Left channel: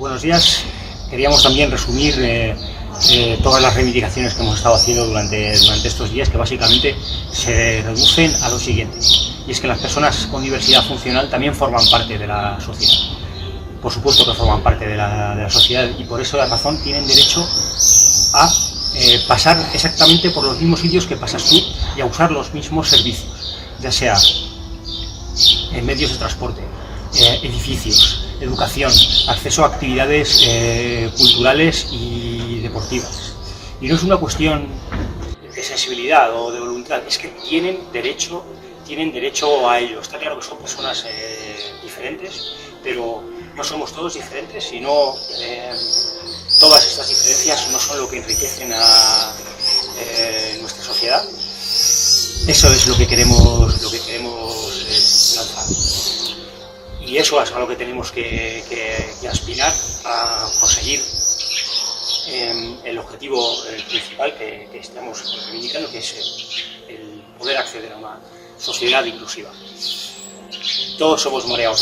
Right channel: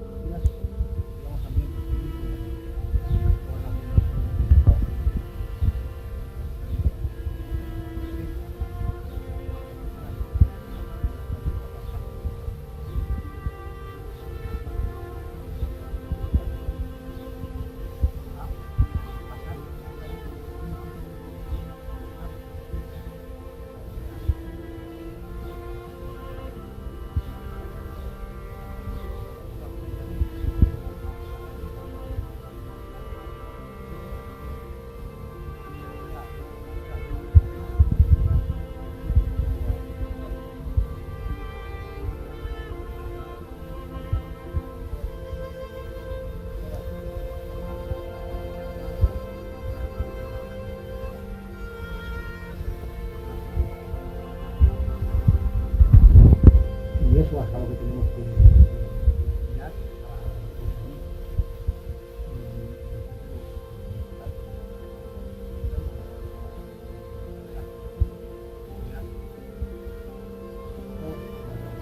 Buenos días. Queríamos también resumir todas las reivindicaciones que hemos estado haciendo durante estos días, que básicamente se reducen a lo siguiente, y es que las personas con diversidad funcional también forman parte de la sociedad. Por supuesto que forman parte de la sociedad, y por esa razón tienen derecho a pasar exactamente por los mismos sitios que pasas tú y a usar los mismos servicios, ya sea en medios de transporte, edificios, educación, acceso a actividades culturales y deportivas. Y no es una cuestión de sensibilidad o de voluntad, es que tienen derecho a ello. Está claro que son personas diferentes, pero no somos todos diferentes, sino todas estas diferencias no son lo que enriquecen a nuestra sociedad. Eso es lo que queremos lanzar. Y eso es a lo que tenemos que aspirar, a conseguir el objetivo principal que estamos reivindicando, que es el poder acceder a una sociedad inclusiva. Todos somos Morea Orri.